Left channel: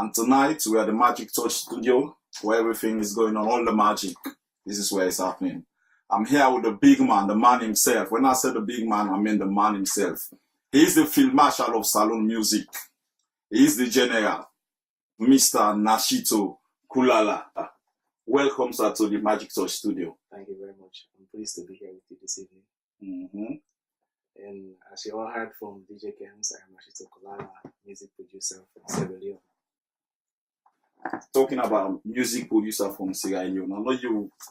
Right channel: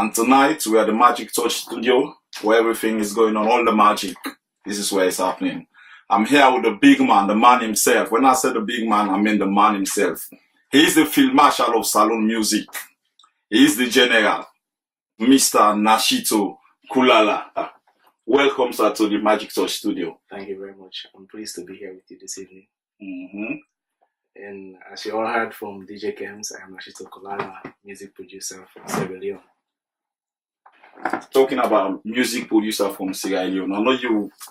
And tonight we are at the Magic Touch studio where everything is going on, all the magic. This is where it's happening. I'm here with the big man, the man himself. When I say the big man, I mean the man himself. He is the field marshal of Salone Music. He is the general, Mr. Nashito Kulala. Welcome, sir, to the Magic Touch studio. Thank you very much. I'm pleased to be here with you this evening. Mm-hmm. And as you all heard from DJ Kems, I am Nashito Kulala, music producer from Sierra Leone. Talking about music producer from Sierra Leone, I know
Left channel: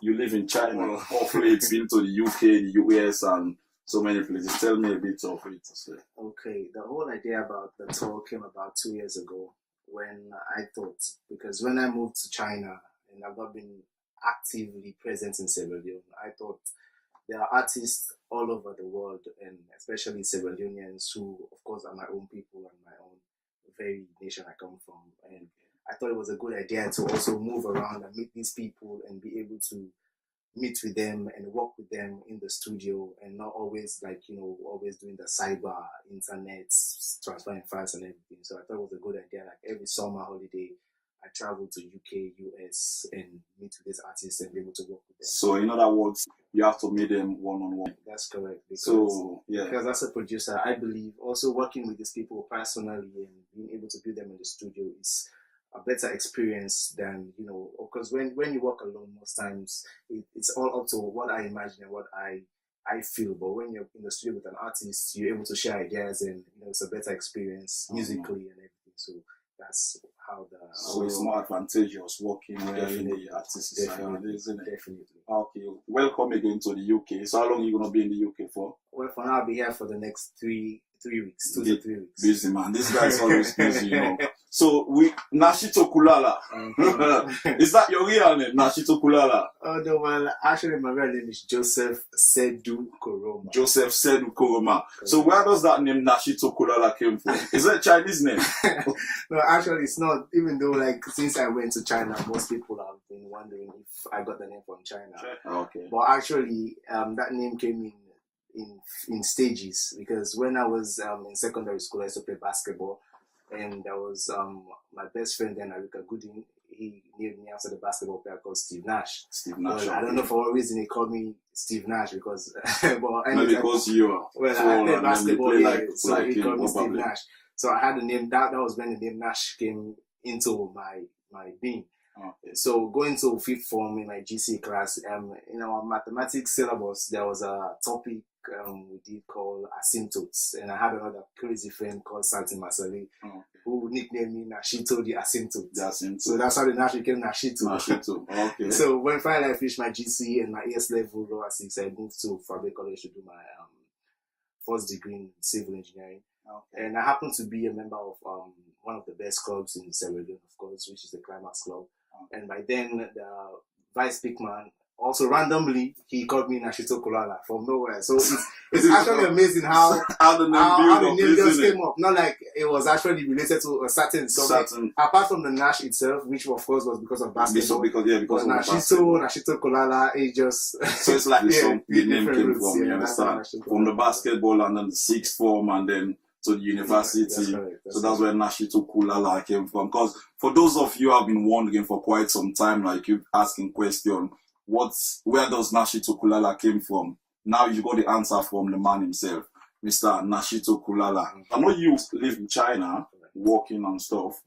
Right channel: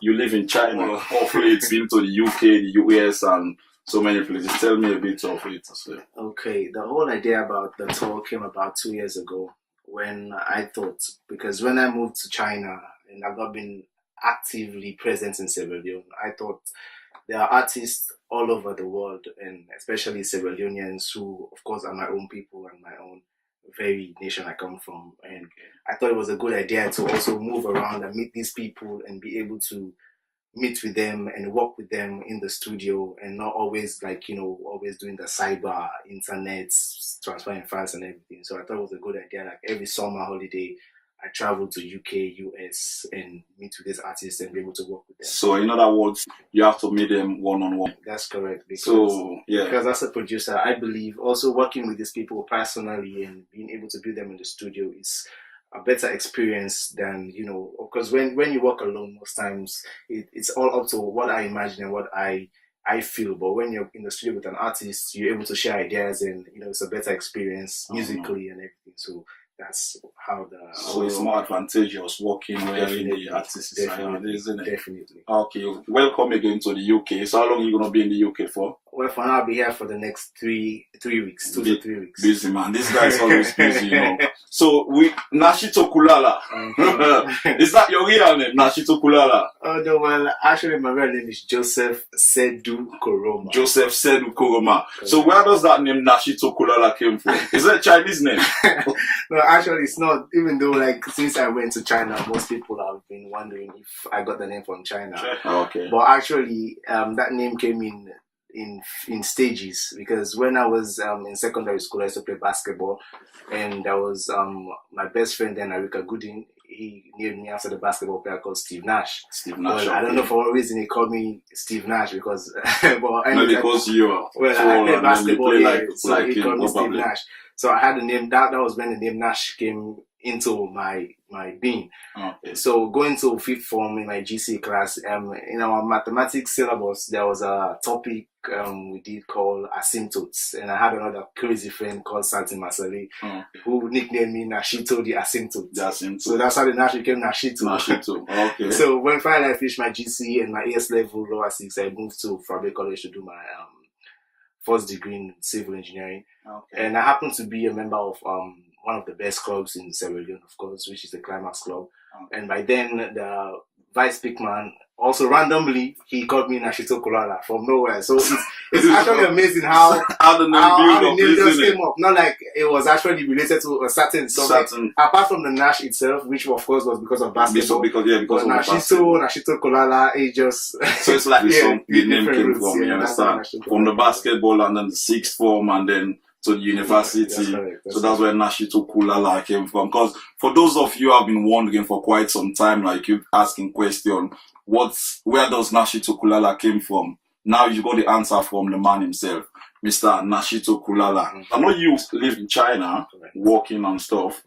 you live in China. Hopefully it's been to the UK, the US, and so many places. Tell me a bit of it as well. Okay, the whole idea about the tour came about 2 years ago when I thought, because when I moved to China and I've not been actively present in Sierra Leone, I thought there are artists all over the world, and especially Sierra Leoneans who, of course, are my own people and my own very nation I come from. And I thought it was a good idea to also move around and meet these people and be able to meet with them and work with them in the studio and not always always doing the cyber, internet, transferring files and everything. So I thought it was a good idea. Like every summer holiday, I travel to UK, US and meet with these artists and be able to work with them. So in other words, you have to meet them one-on-one. That's correct. Because as a producer, I believe also working with these people personally and being able to build them in the studio is a better experience than, because when you work alone, most times it's all up to what I imagine and what I feel. But when you're in the studio with an artist, you're able to share ideas and, it's a better experience musically and everything. So that's how So it's more advantageous working where the artist is around, isn't it? Definitely. Okay, welcome again to the UK. So how long are you going to be in the UK for? Well, for now, I'll be here for the next 3 weeks, 2 to 3 weeks. Busy, man. This guy is always busy, So, Nashito Kulala. Is that your real name, Nashito Kulala? Oh, no, well, actually, my real name is Joseph Sedu Koroma. Joseph Sedu Koroma. So, where does that name Nashito Kulala came from? Is that a Chinese name? No, actually, it's not. Even though, since I went to China, most people have been wondering if I got the name from China. Okay. But actually, that name came in stages, because when I was in secondary school, I used to play basketball, and that was my best friend then, Arika Gooding. He named me after the basketball player called Steve Nash. Steve Nash. Well, I don't know for what reason he called me Steve Nash, because because you are. I played basketball, so he called me Steve probably. Nash. So I had the name. That was when the name Nash came into my being. Okay. So going to fifth form in my GC class, in our mathematics syllabus, there was a topic we did called asymptotes, and I had another crazy friend called Santi Masali, who nicknamed me Nashito the Asymptote. So that's how the Nash became Nashito. Okay. So when finally I finished my GC and my AS level lower 6, I moved to Fabric College to do my first degree in civil engineering. Okay. And I happened to be a member of one of the best clubs in Sierra Leone, of course, which is the Climax Club. And by then, the vice pickman, also randomly, he called me Nashito Kulala from nowhere. So it's actually amazing how the name just came up. Not like it was actually related to a certain subject. Apart from the Nash itself, which of course was because of basketball. Because of Nashito Kulala, it just... So it's like the name came from, you understand? From the basketball and then the sixth form and then to the university. That's correct. So that's where Nashito Kulala came from. Because for those of you who have been wondering for quite some time, like you asking question, where does Nashito Kulala came from? Now you got the answer from the man himself, Mr. Nashito Kulala. I know you live in China, working and stuff.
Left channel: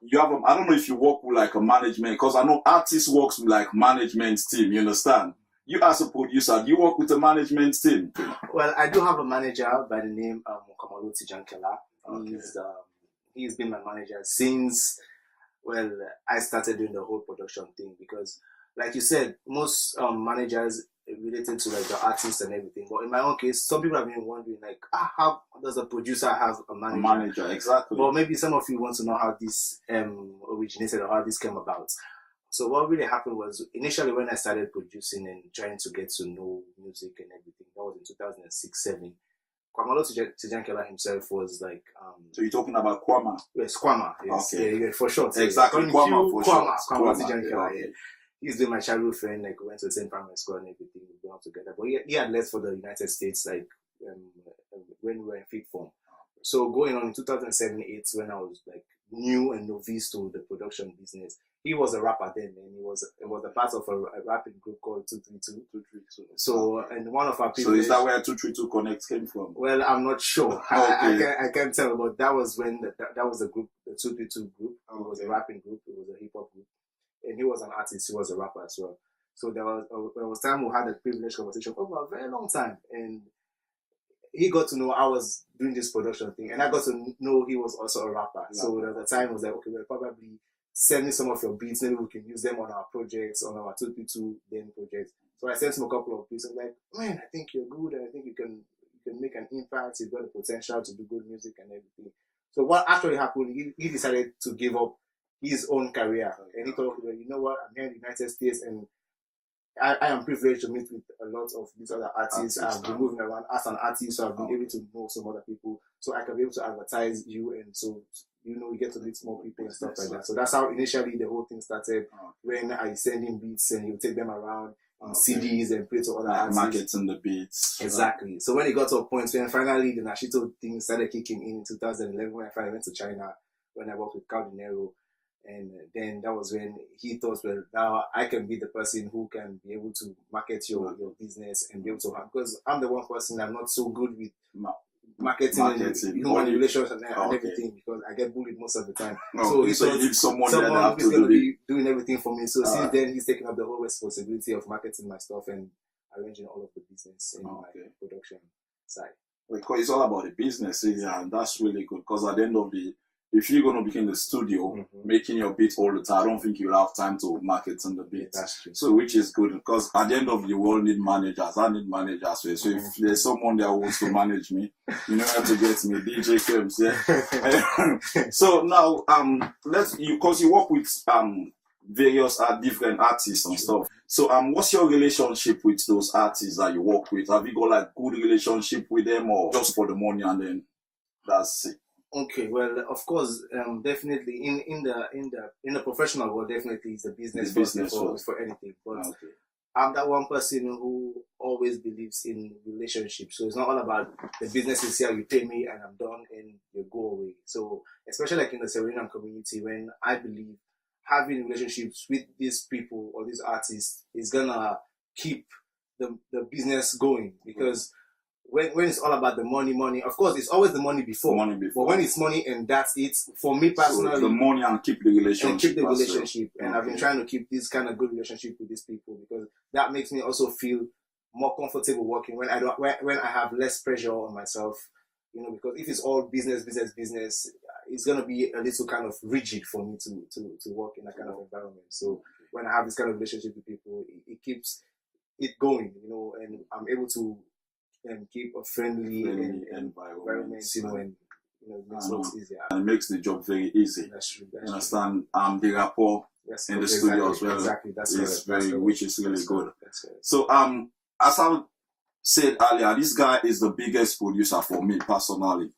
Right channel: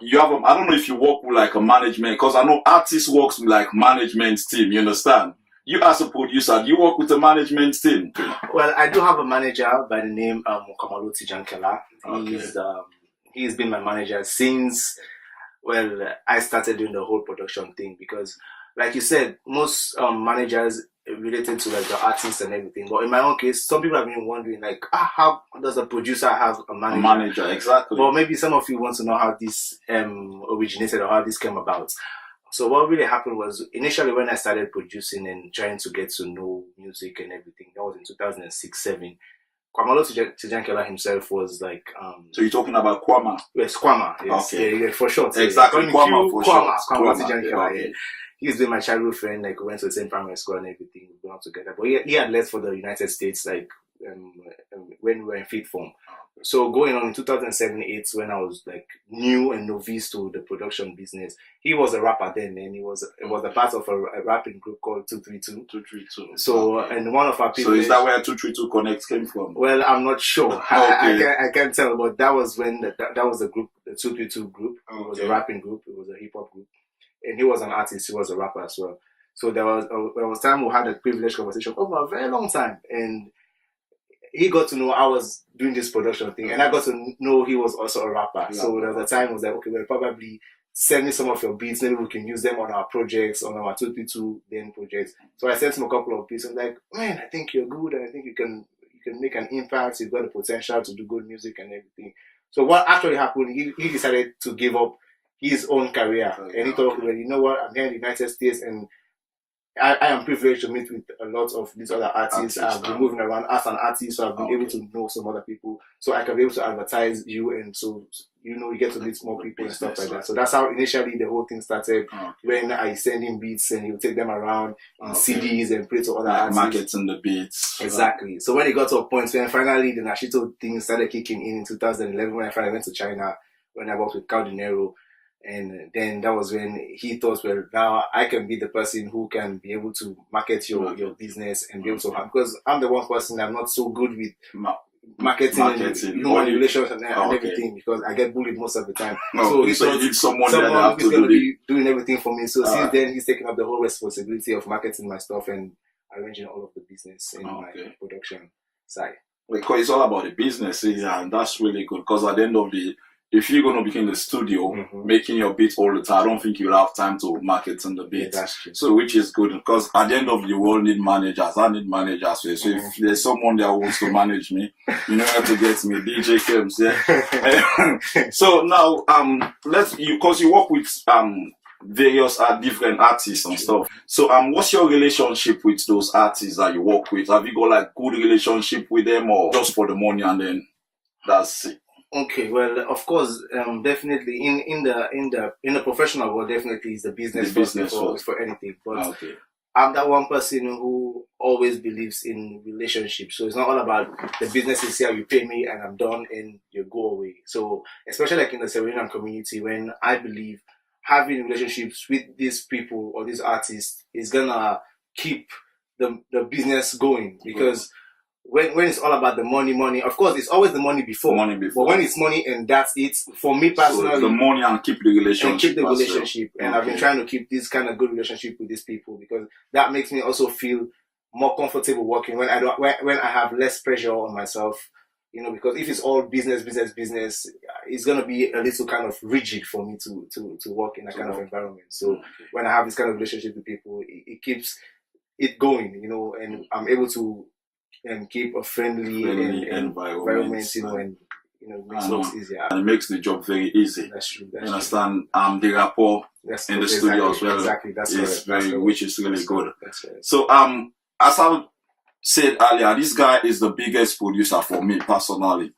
You have I don't know if you work with like a management, because I know artists works with like management team. You understand? You as a producer, do you work with a management team? Well, I do have a manager by the name Kamaloti Jankela. He's been my manager since I started doing the whole production thing, because like you said, most managers related to like the artists and everything. But in my own case, some people have been wondering like, how does a producer have a manager? A manager, exactly. But maybe some of you want to know how this originated or how this came about. So what really happened was, initially when I started producing and trying to get to know music and everything, that was in 2006-07. Kwamalo Tijankela himself was like... So you're talking about Kwama? Yes, Kwama. Yes, okay. Yeah, for short. Exactly, Kwama for short. Kwama Tijankela, yeah. He's been my childhood friend, like we went to the same primary school and everything, we grew up together. But he had left for the United States, like when we were in fifth form. So going on in 2007-8, when I was like new and novice to the production business, he was a rapper then, and it was a part of a rapping group called 232. 232. So Okay. and one of our So people. is that where 232 Connect came from? Well, I'm not sure. Okay. I can't tell, but that was when that was the group, the 232 group. It was a Okay. rapping group. It was a hip hop group, and he was an artist. He was a rapper as well. So there was time we had a privileged conversation over a very long time, and he got to know I was doing this production thing, and I got to know he was also a rapper. So there was a time I was like, okay, well, probably send me some of your beats. Maybe we can use them on our projects, on our 232 then projects. So I sent him a couple of beats. I'm like, man, I think you're good, and I think you can make an impact. You've got the potential to do good music and everything. So what actually happened? He decided to give up his own career, and he thought, well, you know what? I'm here in the United States, and I am privileged to meet with a lot of these other artists. I've been moving around as an artist, so I've been able to know some other people. So I can be able to advertise you, and so you get to meet more people and stuff like that. So that's how initially the whole thing started. When I send him beats and he'll take them around in CDs and play to other artists. Marketing the beats. Exactly. So when it got to a point when finally the Nashito thing started kicking in 2011, when I finally went to China, when I worked with Cal Dinero. And then that was when he thought, well, now I can be the person who can be able to market your business and be able to have, because I'm the one person I'm not so good with marketing and human relations and everything, because I get bullied most of the time. So he thought someone who's going to be doing everything for me. So since then, he's taken up the whole responsibility of marketing my stuff and arranging all of the business in my production side. Because it's all about the business, and that's really good, because at the end of the if you're going to be in the studio making your beats all the time, I don't think you'll have time to market on the beats. Yeah, that's true. So, which is good, because at the end of the day, we all need managers. I need managers. So if there's someone that wants to manage me, you know how to get me, DJ Kems, yeah. So now, because you work with various different artists and stuff. So what's your relationship with those artists that you work with? Have you got like good relationship with them, or just for the money and then that's it? Okay, well, of course, definitely in the professional world, definitely is the business for anything. But I'm that one person who always believes in relationships. So it's not all about the business is here, you pay me and I'm done and you go away. So especially like in the Serenian community, when I believe having relationships with these people or these artists is gonna keep the business going, because when it's all about the money, of course, it's always the money before. But when it's money and that's it, for me personally, so the money and keep the relationship. And I've been trying to keep this kind of good relationship with these people, because that makes me also feel more comfortable working when I have less pressure on myself. You know, because if it's all business, it's gonna be a little kind of rigid for me to work in that kind of environment. So when I have this kind of relationship with people, it keeps it going, you know, and I'm able to keep a friendly environment, you know, and makes it easier. And it makes the job very easy. That's true. You understand? The rapport in the studio as well. Exactly. Which is really good. So as I said earlier, this guy is the biggest producer for me personally,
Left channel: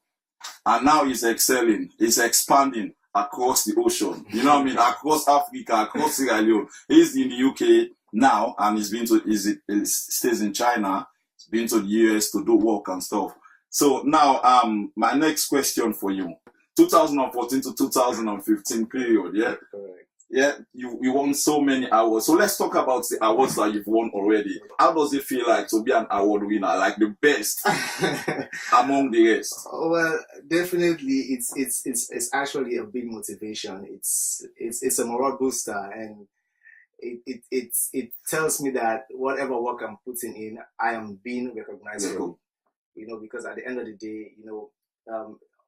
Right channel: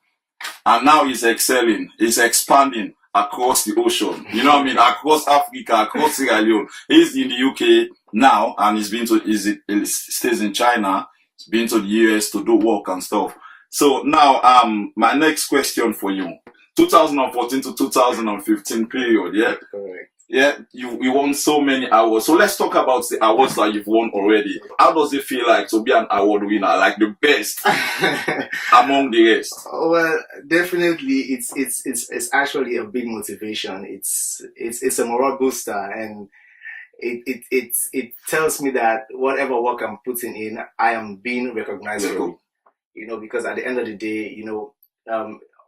and now he's excelling. He's expanding across the ocean. You know what I mean? Across Africa, across Sierra Leone. He's in the UK now, and he stays in China. He's been to the US to do work and stuff. So now, my next question for you: 2014 to 2015 period, yeah. Correct. Yeah, you won so many awards. So let's talk about the awards that you've won already. How does it feel like to be an award winner, like the best among the rest? Well, definitely, it's actually a big motivation. It's a morale booster, and it tells me that whatever work I'm putting in, I am being recognized for it. You know, because at the end of the day, you know,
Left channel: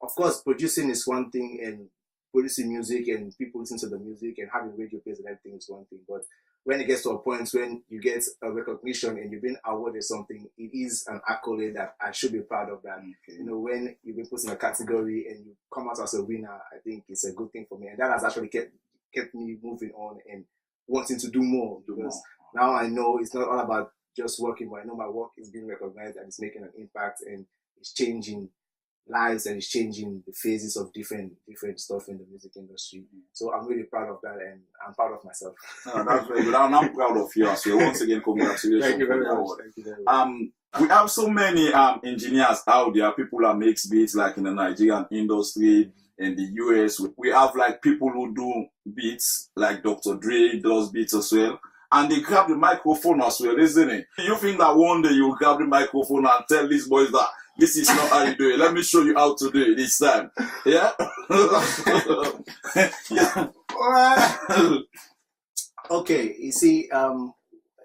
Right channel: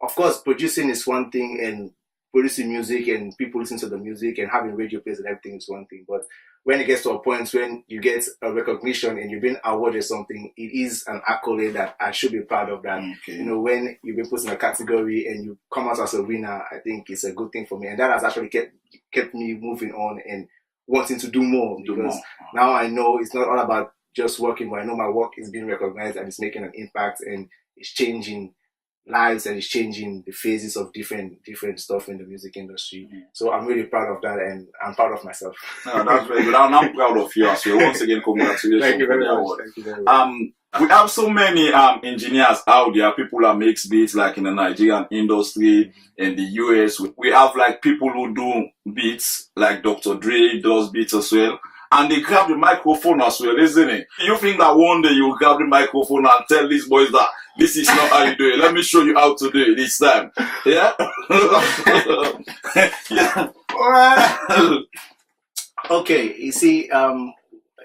of course, producing is one thing, and producing music and people listen to the music and having radio plays and everything is one thing. But when it gets to a point when you get a recognition and you've been awarded something, it is an accolade that I should be proud of that. You know, when you've been put in a category and you come out as a winner, I think it's a good thing for me. And that has actually kept me moving on and wanting to do more, because now I know it's not all about just working, but I know my work is being recognized and it's making an impact and it's changing lives and it's changing the phases of different stuff in the music industry. So I'm really proud of that, and I'm proud of myself. No, that's very good. And I'm proud of you as well. Once again, congratulations. Thank you for very the much. award. Thank you very much. We have so many engineers out there, people that makes beats like in the Nigerian industry, in the US. We have like people who do beats, like Dr. Dre does beats as well. And they grab the microphone as well, isn't it? You think that one day you grab the microphone and tell these boys that this is not how you do it. Let me show you how to do it this time. Yeah? Yeah. Okay, you see,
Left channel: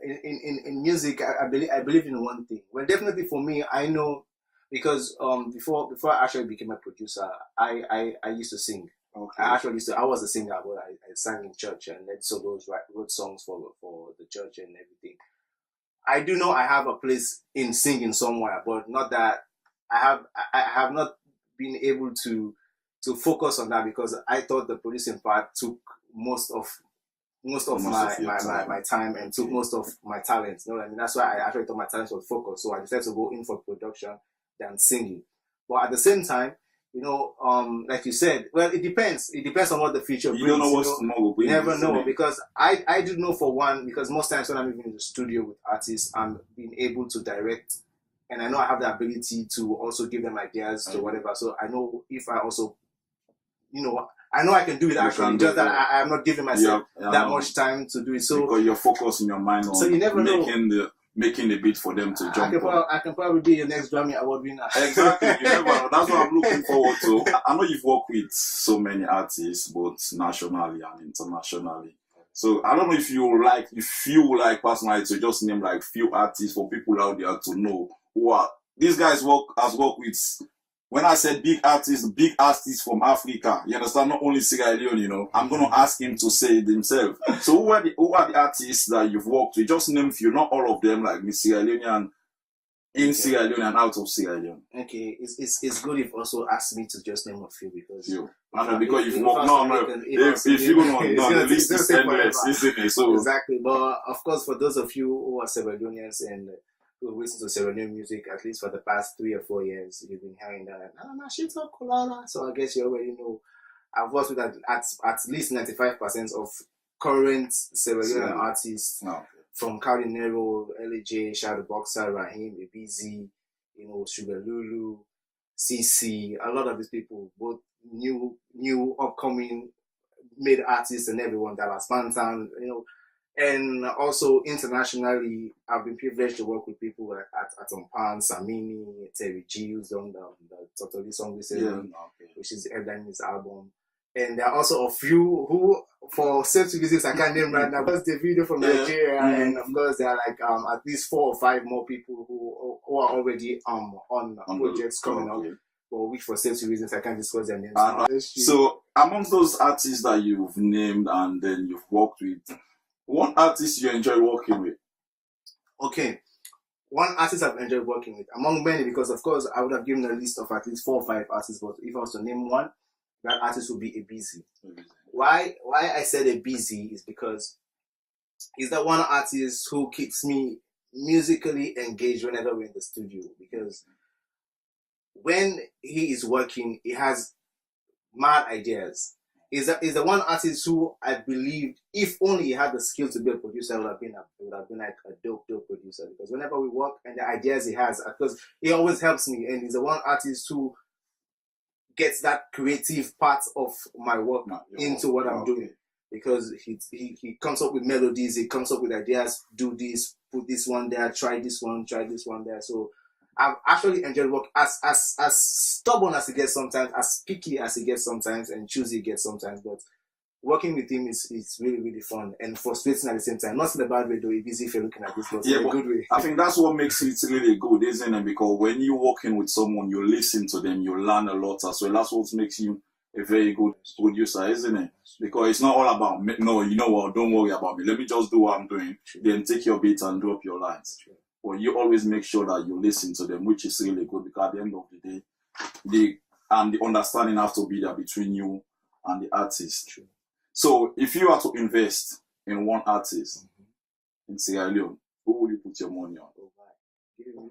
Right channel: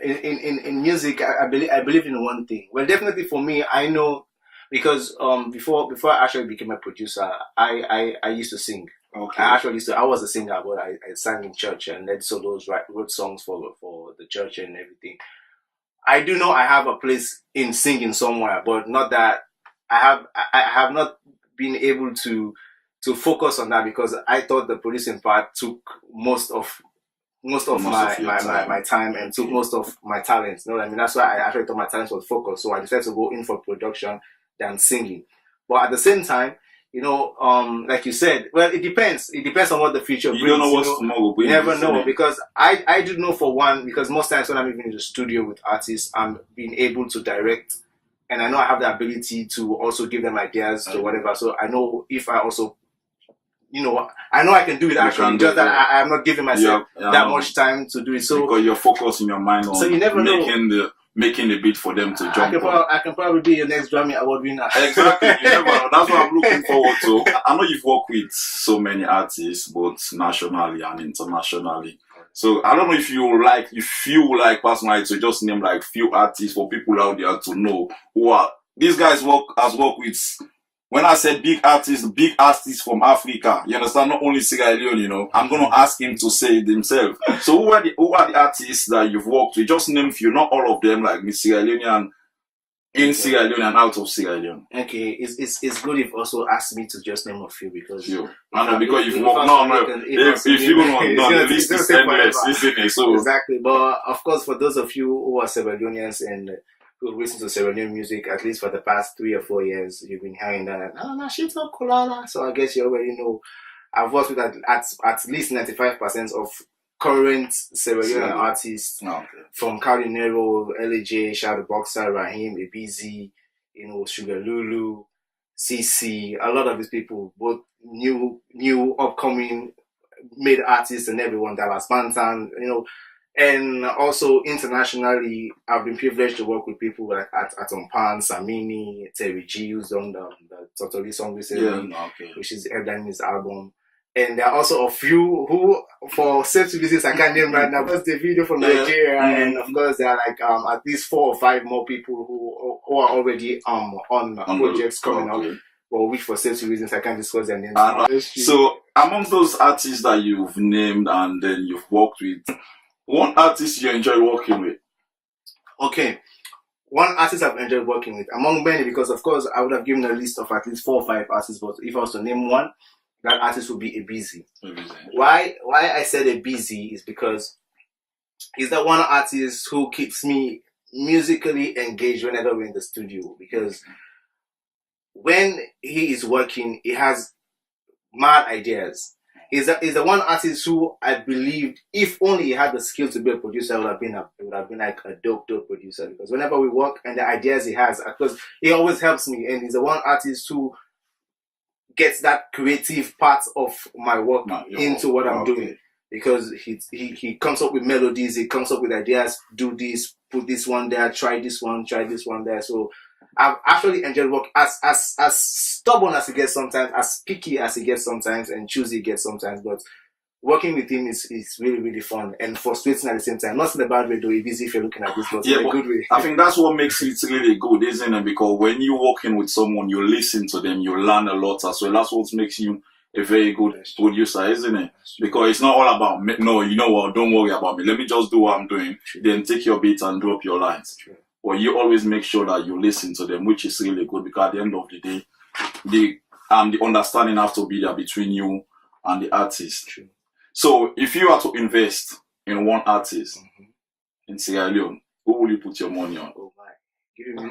in music, I believe in one thing. Well, definitely for me, I know, because before I actually became a producer, I used to sing. Okay. I was a singer, but I sang in church and led solos, wrote songs for the church and everything. I do know I have a place in singing somewhere, but not that I have not been able to focus on that, because I thought the producing part took most of my time and took most of my talents. You know what I mean? That's why I actually thought my talents was focused. So I decided to go in for production than singing. But at the same time, you know, like you said, well, it depends. It depends on what the future brings. You don't know what's tomorrow will bring. You never know, because I do know for one, because most times when I'm even in the studio with artists, I'm being able to direct, and I know I have the ability to also give them ideas to whatever. So I know if I also, you know, I know I can do it actually, just that I'm not giving myself that much time to do it. So because you're focused in your mind on, so you never making the beat for them to jump on. I can probably be your next Grammy Award winner. Exactly. You never know. That's what I'm looking forward to. I know you've worked with so many artists, both nationally and internationally. So I don't know if you feel like personally to just name like few artists for people out there to know who are these guys worked with. When I said big artists from Africa, you understand, not only Sierra Leone, you know, I'm going to ask him to say it himself. So who are the artists that you've worked with? Just name a few, not all of them, like Miss Sierra Leonean, in Sierra Leone and out of Sierra Leone. Okay, it's good if also ask me to just name a few, because I know, because you've worked. If you don't know, the list is endless, isn't it? So exactly, but of course, for those of you who are Sierra Leoneans and who listen to Sierra Leone music, at least for the past 3 or 4 years, you've been hearing that, shit up Kulala. So I guess you already know. I've worked with at least 95% of current Sierra Leone artists, from Cardi Nero, LJ, Shadow Boxer, Raheem, Ibizi, you know, Sugar Lulu, CC, a lot of these people, both new upcoming made artists and everyone, Dallas Bantan, you know. And also internationally, I've been privileged to work with people like Atom Pan, Samini, Terry G, who's done the Totally song recently, which is headlining his album. And there are also a few who, for safety reasons, I can't name right now. That's the video from Nigeria, and of course there are like at least 4 or 5 more people who are already on projects coming up. Well, which for safety reasons I can't disclose their names. So amongst those artists that you've named and then you've worked with, one artist you enjoy working with? Okay, one artist I've enjoyed working with, among many, because of course I would have given a list of at least 4 or 5 artists, but if I was to name one, that artist would be Ibizi. Why I said Ibizi is because he's that one artist who keeps me musically engaged whenever we're in the studio, because when he is working, he has mad ideas. Is the one artist who I believed, if only he had the skill to be a producer, would have been like a dope producer. Because whenever we work and the ideas he has, because he always helps me, and he's the one artist who gets that creative part of my work into what I'm doing. Because he comes up with melodies, he comes up with ideas, do this, put this one there, try this one there. So I've actually enjoyed work as stubborn as he gets sometimes, as picky as he gets sometimes, and choosy he gets sometimes. But working with him is really, really fun and frustrating at the same time. Not in a bad way though, Ibizi, if you're looking at this, but in a good way. I think that's what makes it really good, isn't it? Because when you're working with someone, you listen to them, you learn a lot as well. That's what makes you a very good producer, isn't it? Because it's not all about me. No, you know what? Don't worry about me. Let me just do what I'm doing. Then take your beats and drop your lines. Well, you always make sure that you listen to them, which is really good, because at the end of the day, the understanding has to be there between you and the artist. True. So, if you are to invest in one artist in Sierra Leone, who will you put your money on? Oh my, give me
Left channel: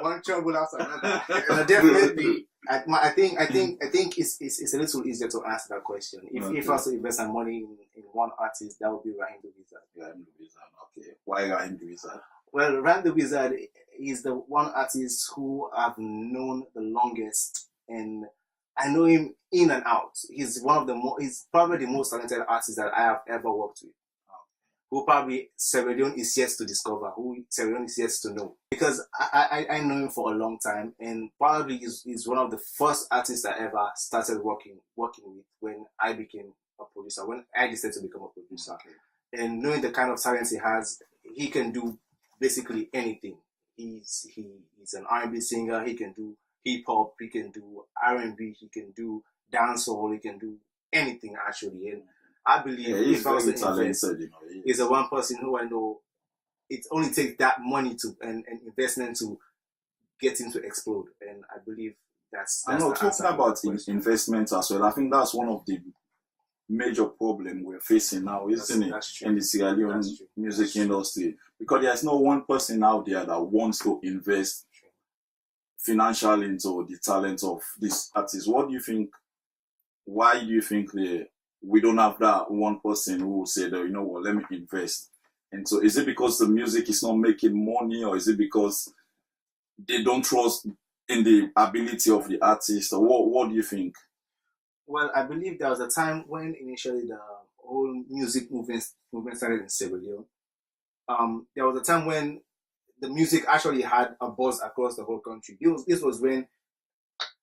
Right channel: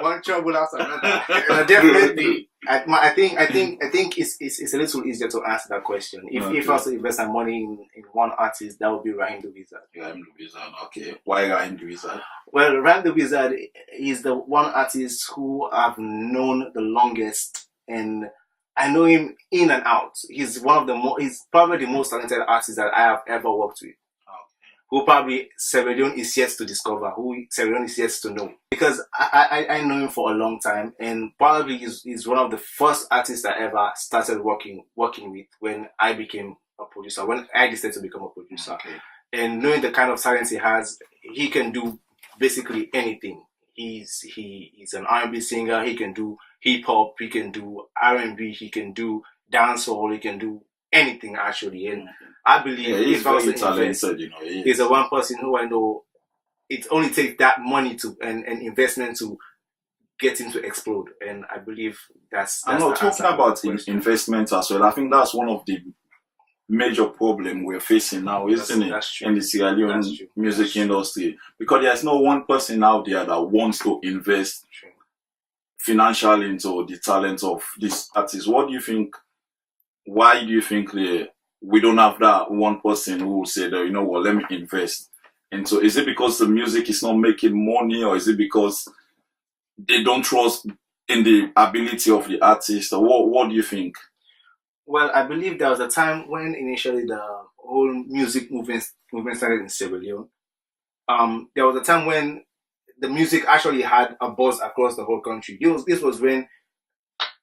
one trouble after another. And definitely, I think it's a little easier to answer that question. If I was to invest my money in one artist, that would be Raheem the Wizard. Raheem the Wizard, okay. Why Raheem the Wizard? Well, Raheem the Wizard is the one artist who I've known the longest, and I know him in and out. He's he's probably the most talented artist that I have ever worked with. Who probably Sierra Leone is yet to discover, who Sierra Leone is yet to know. Because I know him for a long time, and probably he's one of the first artists I ever started working with when I became a producer, when I decided to become a producer. Okay. And knowing the kind of talent he has, he can do basically anything. He's an R&B singer, he can do hip hop, he can do R&B, he can do dancehall, he can do anything actually. And I believe he's very talented, he's the one person who I know it only takes that money to and investment to get him to explode. And I believe that's I'm not talking about investment as well. I think that's one of the major problem we're facing now, isn't it? In the Sierra Leone music industry. Because there's no one person out there that wants to invest financially into the talent of this artist. What do you think? Why do you think we don't have that one person who will say that, you know what, let me invest? And so is it because the music is not making money, or is it because they don't trust in the ability of the artist? Or what do you think? Well, I believe there was a time when initially the whole music movement started in Sierra Leone. There was a time when the music actually had a buzz across the whole country. This was when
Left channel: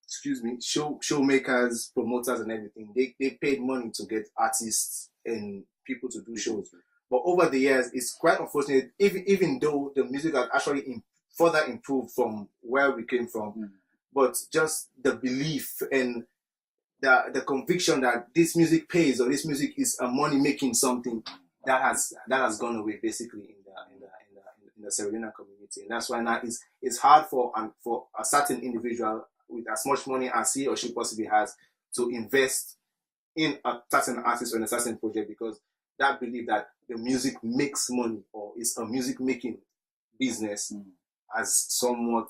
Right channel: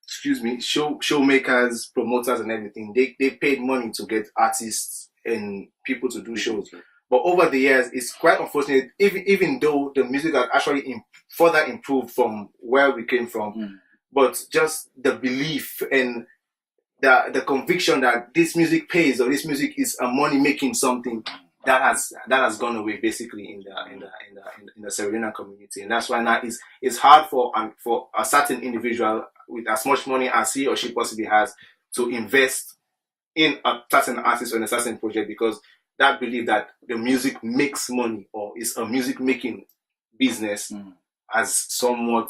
showmakers, promoters and everything, they paid money to get artists and people to do shows. But over the years, it's quite unfortunate, even though the music has actually further improved from where we came from, but just the belief and the conviction that this music pays or this music is a money making something, that has gone away basically in the Sierra Leone community. And that's why now it's hard for a certain individual with as much money as he or she possibly has to invest in a certain artist or in a certain project, because that belief that the music makes money or is a music making business has somewhat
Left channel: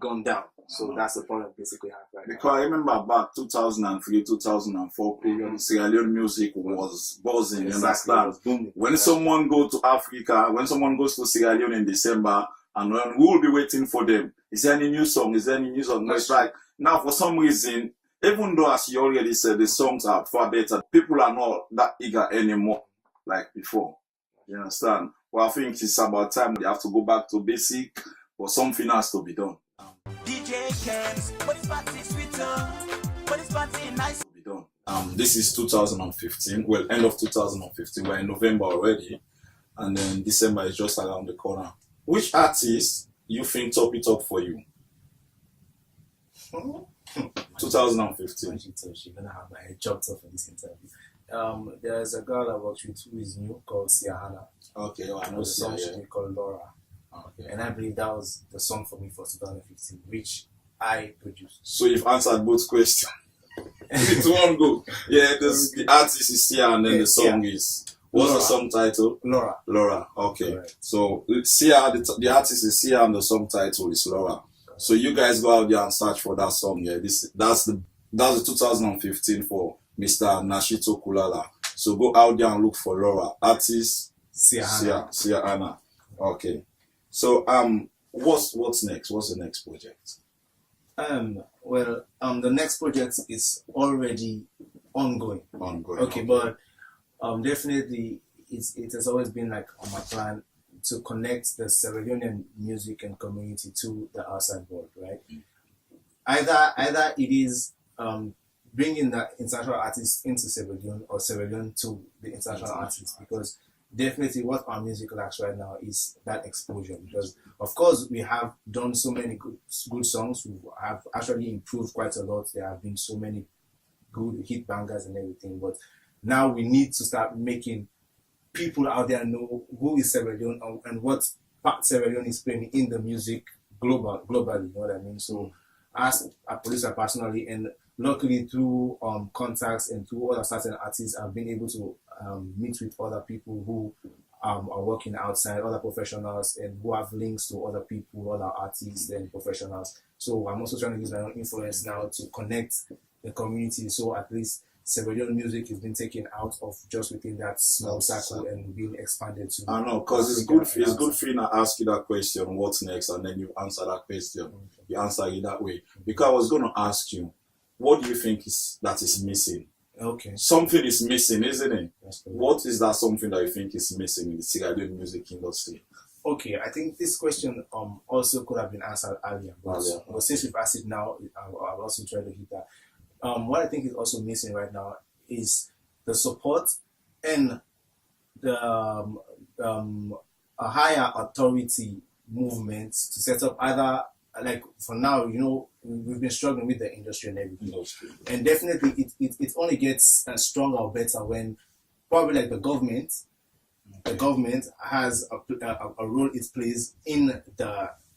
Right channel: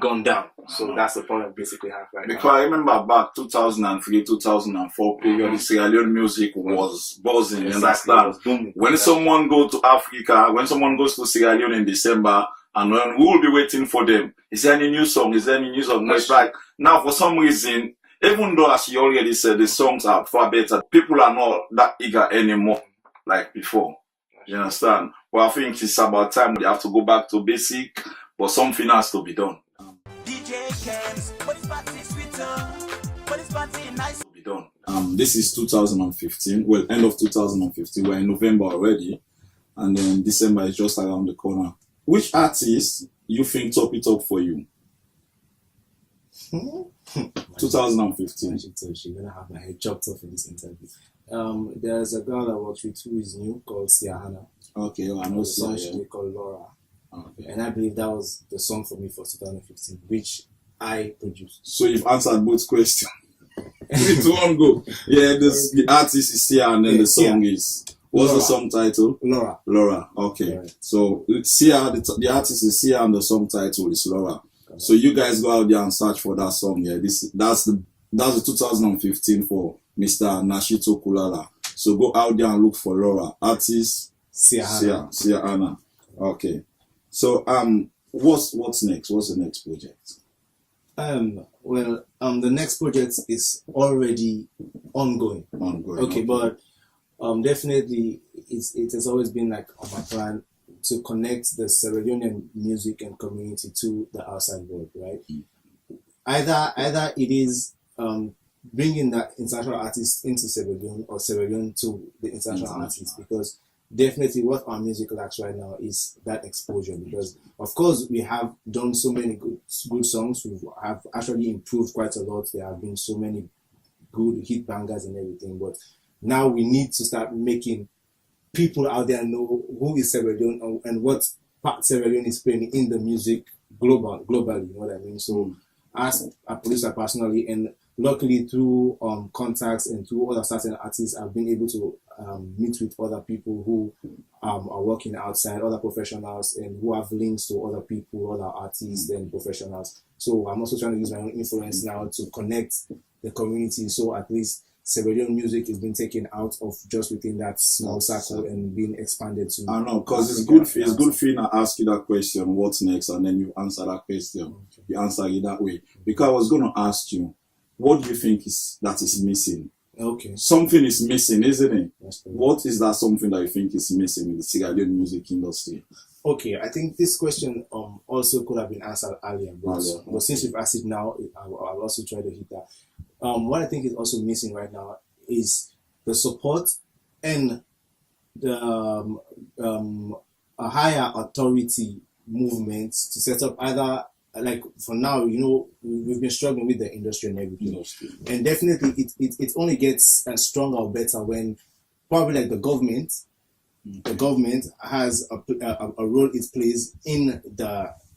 gone down. So that's the problem we basically have right now. Because I remember back 2003, 2004 period, the Sierra Leone music was buzzing. Exactly. You understand? When someone goes to Africa, when someone goes to Sierra Leone in December, and when we will be waiting for them, is there any new song? Is there any new song? It's like, now for some reason, even though as you already said, the songs are far better, people are not that eager anymore like before. You understand? Well, I think it's about time we have to go back to basic, but something has to be done. This is 2015. Well, end of 2015. We're in November already, and then December is just around the corner. Which artist you think top it up for you? 2015. She's gonna have my head chopped off in this interview. There's a girl I worked with who is new called Siahana. Okay, well, I know the song Sia, she called Laura. Okay. And I believe that was the song for me for 2015, which I produced. So you've answered both questions. It's one go. Yeah, the artist is Sia, and then the song is. What's Laura. The song title? Laura. Laura. Okay. Right. So Sia, the artist is Sia, and the song title is Laura. Okay. So you guys go out there and search for that song. Yeah, that's the 2015 for Mr. Nashito Kulala. So go out there and look for Laura. Artist Sia Anna. Okay. So what's next? What's the next project? The next project is already ongoing. Okay, but definitely it has always been like on my plan to connect the Sierra Leonean music and community to the outside world, right? Either it is bringing the international artists into Sierra Leone or Sierra Leone to the international artists, because definitely what our music lacks right now is that exposure. Because of course we have done so many good songs, we have actually improved quite a lot. There have been so many good hit bangers and everything, but now we need to start making people out there know who is Sierra Leone and what part Sierra Leone is playing in the music globally, you know what I mean? So as a producer personally, and luckily through contacts and through other certain artists, I've been able to meet with other people who are working outside, other professionals, and who have links to other people, other artists and professionals. So I'm also trying to use my own influence now to connect the community. So at least Sierra Leone music is being taken out of just within that small circle and being expanded to. I know, because it's good. It's good for you to ask you that question, what's next, and then you answer that question. Okay. You answer it that way. Because I was going to ask you, what do you think is missing? Okay. Something is missing, isn't it? That's correct. What is that something that you think is missing in the Sierra Leone music industry? Okay, I think this question also could have been answered earlier, but since we've asked it now, I'll also try to hit that. What I think is also missing right now is the support and the a higher authority movement to set up either, like for now, you know, we've been struggling with the industry and everything, and definitely it only gets stronger or better when probably like the government has a role it plays in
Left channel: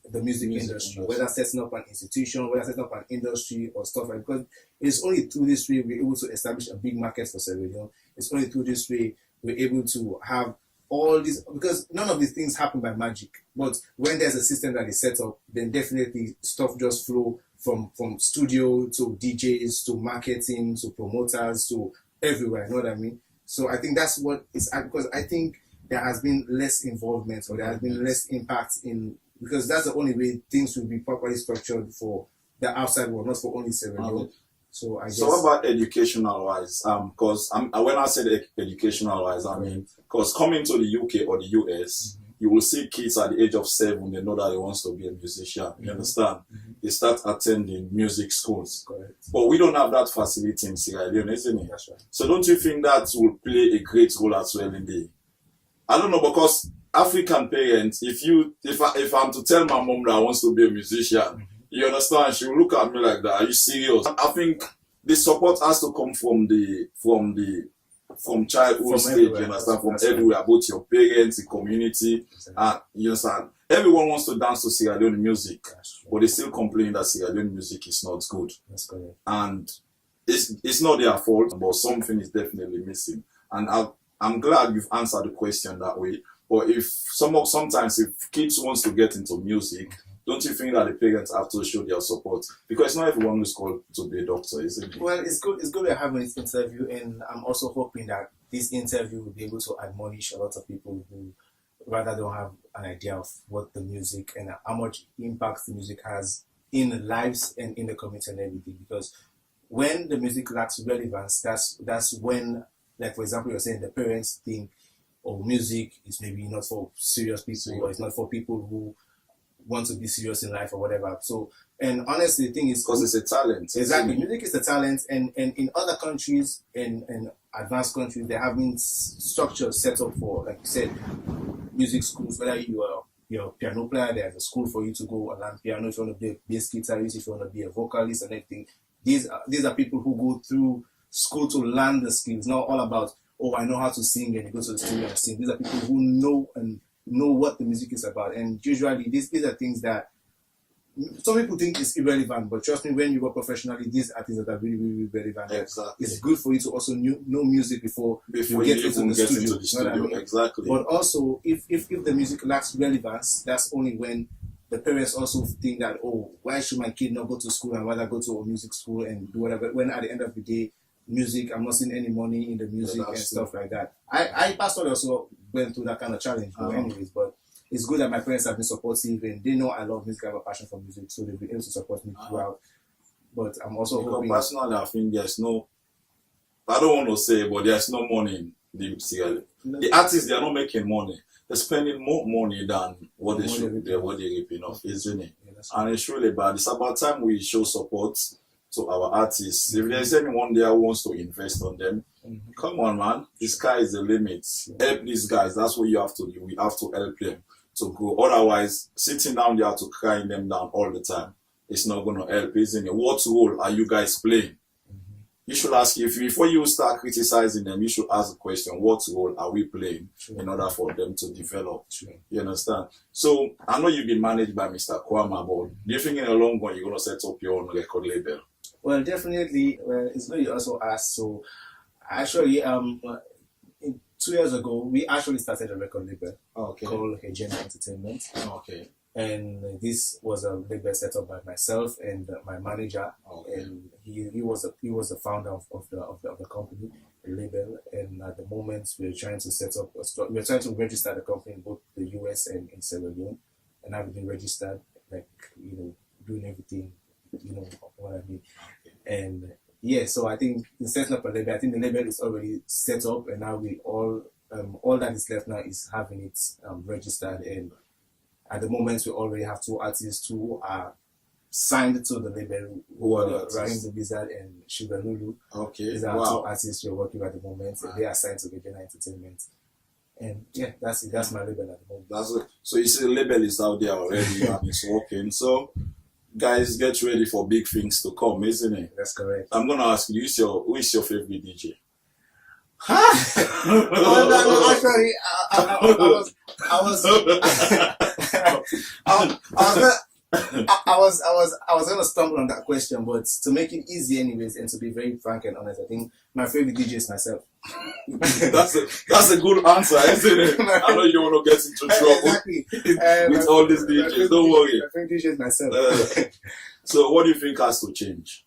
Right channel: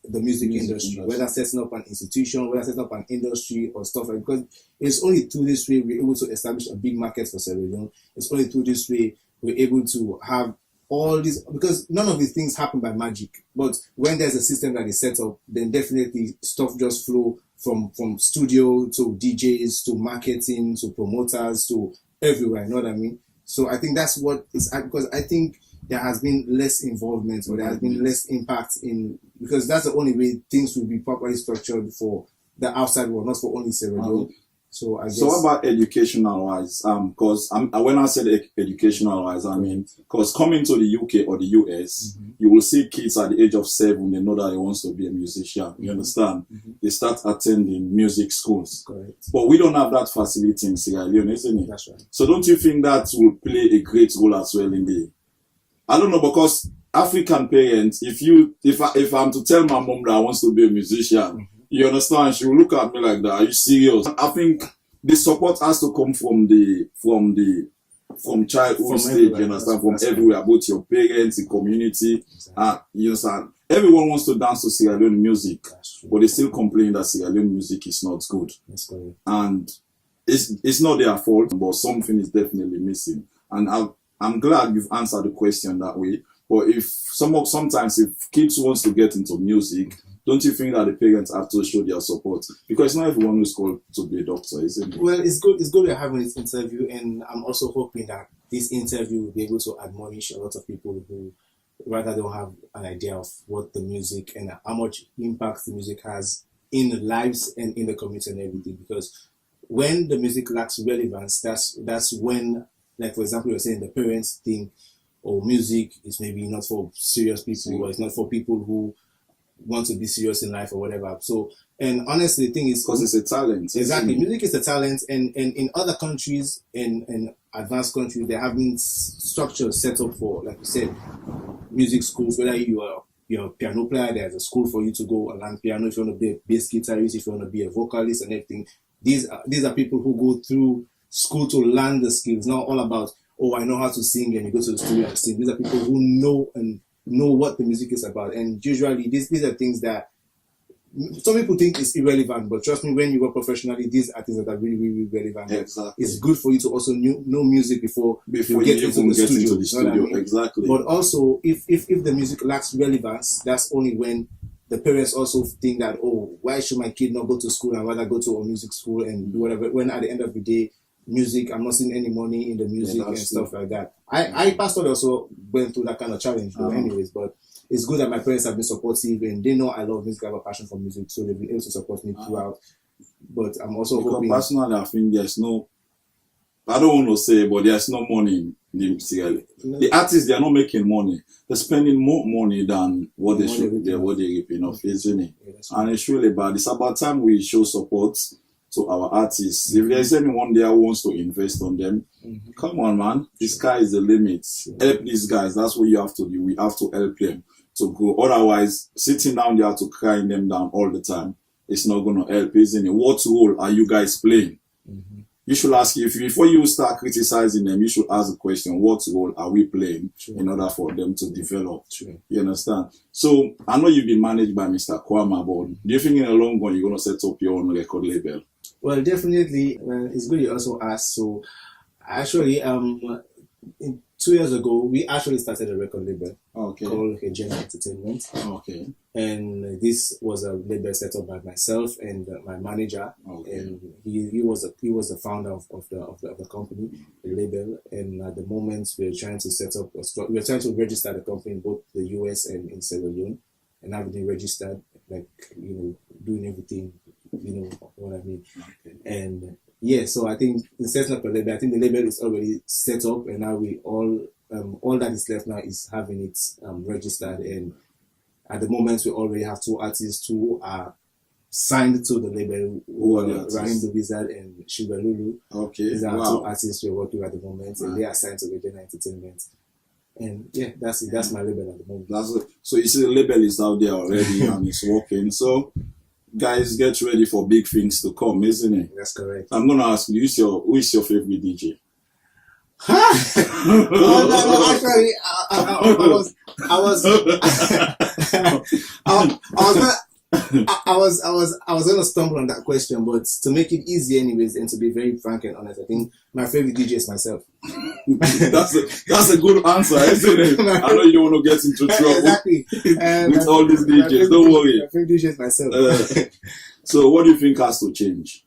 the music industry, whether setting up an institution, whether setting up an industry or stuff like that. Because it's only through this way we're able to establish a big market for Sierra Leone. It's only through this way we're able to have all these, because none of these things happen by magic. But when there's a system that is set up, then definitely stuff just flow from studio to DJs to marketing to promoters to everywhere. You know what I mean? So I think that's what it's because I think there has been less involvement or there has been less impact in, because that's the only way things will be properly structured for the outside world, not for only Sierra Leone. So I guess. So what about educational wise? Because when I said educational wise, I mean because coming to the UK or the US, you will see kids at the age of 7, they know that they want to be a musician. You understand? They start attending music schools. Correct. But we don't have that facility in Sierra Leone, isn't it? That's right. So don't you think that will play a great role as well in the? I don't know, because African parents, if I'm to tell my mom that I want to be a musician, you understand, she will look at me like that. Are you serious? I think the support has to come from childhood stage, you understand, from everywhere, both your parents, the community, you understand. Everyone wants to dance to Sierra Leone music, but they still complain that Sierra Leone music is not good. That's correct. And it's not their fault, but something is definitely missing. And I'm glad you've answered the question that way. But if sometimes if kids wants to get into music, don't you think that the parents have to show their support? Because not everyone is called to be a doctor, isn't it? Well, it's good we're having this interview, and I'm also hoping that this interview will be able to admonish a lot of people who rather don't have an idea of what the music and how much impact the music has in the lives and in the community and everything. Because when the music lacks relevance, that's when, like for example, you're saying the parents think, oh, music is maybe not for serious people, or it's not for people who want to be serious in life or whatever. So, and honestly, the thing is, because it's a talent. Exactly, music is a talent, and in other countries, in advanced countries, there have been structures set up for, like you said, music schools. Whether you're a piano player, there's a school for you to go and learn piano. If you want to be a bass guitarist, if you want to be a vocalist and everything, these are people who go through school to learn the skills. Not all about, oh, I know how to sing and you go to the studio and sing. These are people who know what the music is about. And usually these are things that some people think is irrelevant, but trust me, when you work professionally, these are things that are really, really relevant. Exactly. It's good for you to also know music before you get into the studio. You know what I mean? Exactly. But also, if the music lacks relevance, that's only when the parents also think that, oh, why should my kid not go to school and rather go to a music school and do whatever, when at the end of the day, music, I'm not seeing any money in the music and stuff like that. I personally also went through that kind of challenge though anyways, but it's good that my parents have been supportive and they know I love music, I have a passion for music, so they've been able to support me throughout. But I'm also hoping... Personally, I think there's no... I don't want to say, but there's no money in the music. The artists, they're not making money. They're spending more money than what they should, what they're ripping off, isn't it? Yeah, and it's really bad. It's about time we show support to our artists. If there's anyone there who wants to invest on them, come on, man. The sky is the limit. Help these guys. That's what you have to do. We have to help them to grow. Otherwise, sitting down there to crying them down all the time, it's not going to help, isn't it? What role are you guys playing? you should ask, if before you start criticizing them, you should ask the question, what role are we playing in order for them to develop? You understand? So I know you've been managed by Mr. Kwama, but do you think in the long run you're going to set up your own record label? Well, definitely. It's good you also asked. So actually, 2 years ago, we actually started a record label called Agenda Entertainment. Okay. And this was a label set up by myself and my manager. And he was the founder of the company, the label. And at the moment, we're trying to register the company in both the US and in Sierra Leone, and everything registered, like, doing everything, what I mean. And yeah, so I think in setting up a label, I think the label is already set up, and now we all that is left now is having it registered. And at the moment, we already have 2 artists who are signed to the label, who are Rahim the Wizard and Sugar Lulu. Okay. These are 2 artists we're working with at the moment, and they are signed to Agenda Entertainment. And yeah, that's it. That's my label at the moment. So you see, the label is out there already and it's working. So guys, get ready for big things to come, isn't it? That's correct. I'm gonna ask you, who is your favorite DJ? No, actually, I was gonna stumble on that question, but to make it easy anyways, and to be very frank and honest, I think my favorite DJ is myself. that's a good answer, isn't it? I know you don't want to get into trouble. Exactly. With all these DJs, don't worry. My favorite DJ is myself. So what do you think has to change?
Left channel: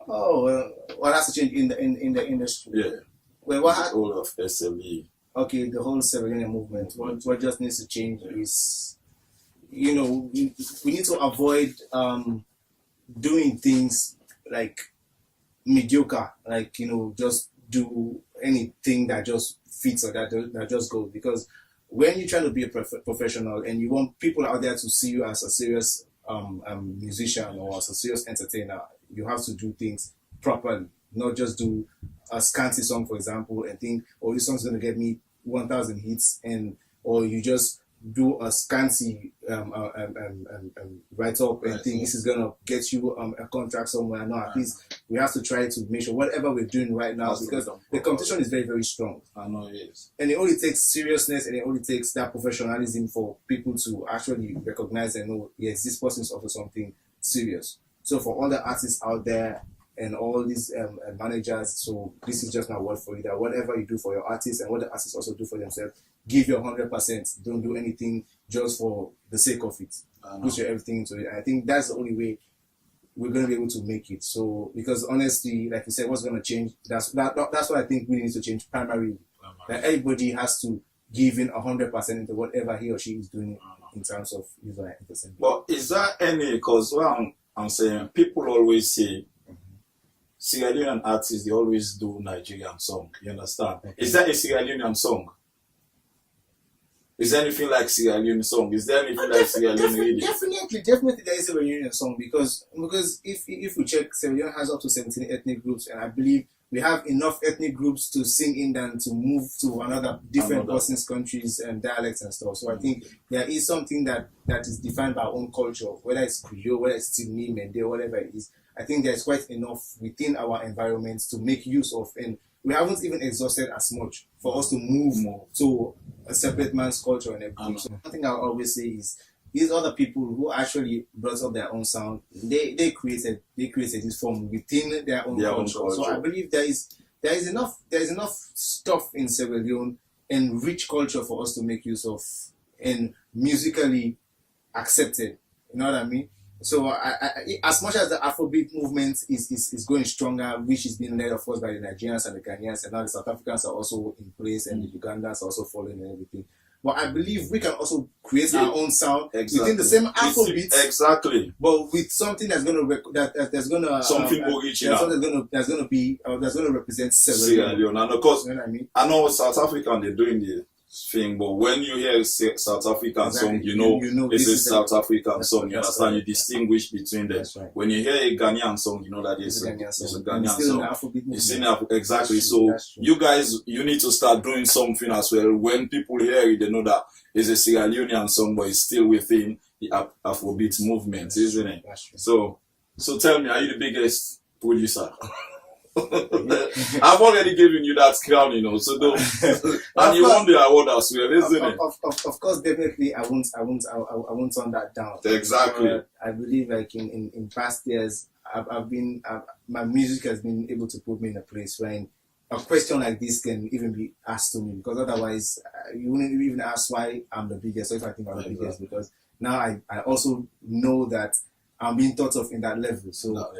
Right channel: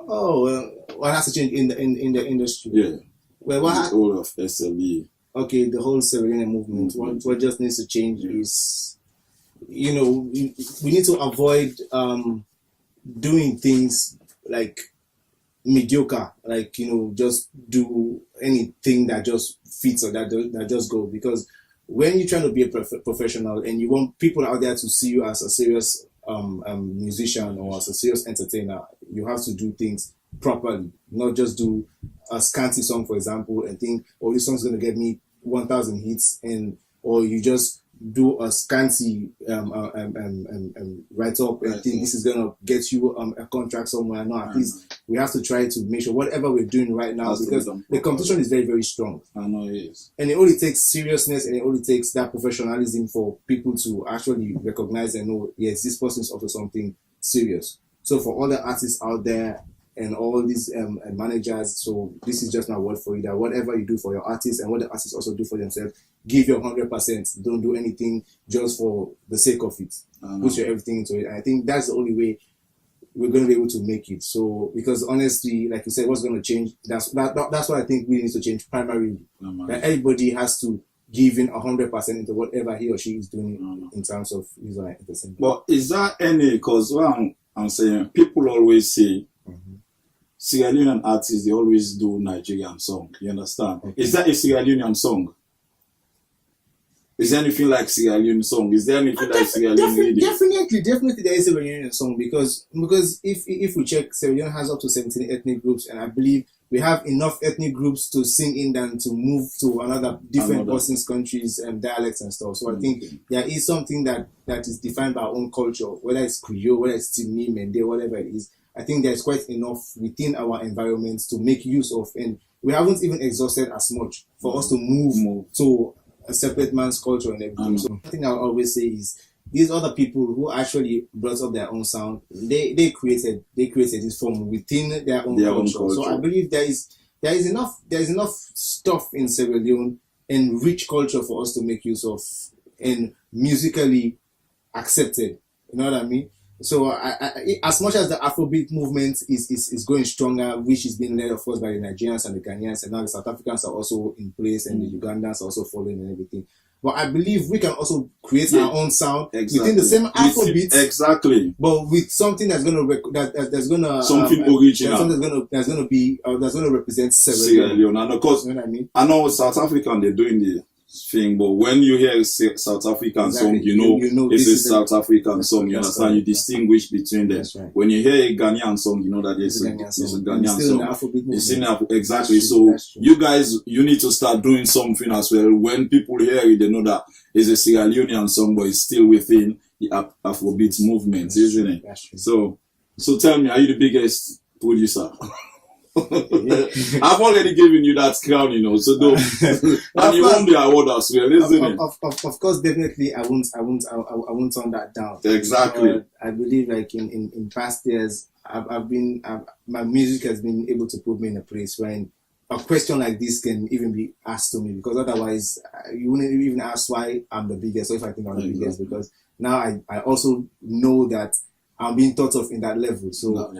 Oh, what has to change in the industry? Yeah. Well, the whole of SLE. Okay, the whole Sierra Leone movement. What just needs to change is, we need to avoid doing things like mediocre, like, just do anything that just fits or that just goes. Because when you're trying to be a professional and you want people out there to see you as a serious musician or as a serious entertainer, you have to do things properly, not just do a scanty song, for example, and think, oh, this song's going to get me 1,000 hits, or you just do a scanty write-up and think this is going to get you a contract somewhere. No, at least we have to try to make sure whatever we're doing right now, because the competition is very, very strong. I know it is. And it only takes seriousness and it only takes that professionalism for people to actually recognize and know, yes, this person is also something serious. So for all the artists out there and all these managers, so this is just my word for you, that whatever you do for your artists and what the artists also do for themselves, give your 100%. Don't do anything just for the sake of it. Put your everything into it. And I think that's the only way we're going to be able to make it. So, because honestly, like you said, what's going to change? That's what I think we need to change primarily. That everybody has to give in 100% into whatever he or she is doing in terms of user entertainment. But is that any? Because what I'm saying, people always say, Sierra Leonean artists, they always do Nigerian song. You understand? Okay. Is that a Sierra Leonean song? Is there anything like Sierra Leone song? Is there anything like Sierra Leone? Definitely there is a Sierra Leonean song, because if we check, Sierra Leone has up to 17 ethnic groups, and I believe we have enough ethnic groups to sing in than to move to another different persons, countries, and dialects and stuff. So I think there is something that is defined by our own culture, whether it's Creole, whether it's Timni, Mende, whatever it is. I think there's quite enough within our environments to make use of, and we haven't even exhausted as much for us to move to a separate man's culture and everything. So one thing I always say is, these other people who actually brought up their own sound, they created this form within their own culture. So I believe there is enough stuff in Sierra Leone and rich culture for us to make use of and musically accepted. You know what I mean? So I, as much as the Afrobeat movement is going stronger, which is being led, of course, by the Nigerians and the Ghanaians, and now the South Africans are also in place, and the Ugandans are also following and everything. But I believe we can also create our own sound within the same Afrobeat, but with something that's going to that's going to something original, that's going to represent Sierra Leone. And of course, you know what I mean? I know South African, they're doing the thing, but when you hear South African song, you know it's a South African song. You understand? You distinguish between them. Right. When you hear a Ghanaian song, you know that it's a Ghanaian song. It's in exactly. So you guys, you need to start doing something as well. When people hear it, they know that it's a Sierra Leonean song, but it's still within the Afrobeat movement, isn't it? So tell me, are you the biggest producer? I've already given you that crown, you know, so don't. And you won the award as well, isn't it? Of course, definitely, I won't turn that down. Exactly. But I believe, like in past years, my music has been able to put me in a place where a question like this can even be asked to me, because otherwise you wouldn't even ask why I'm the biggest, or if I think I'm the biggest, because now I also know that I'm being thought of in that level. So,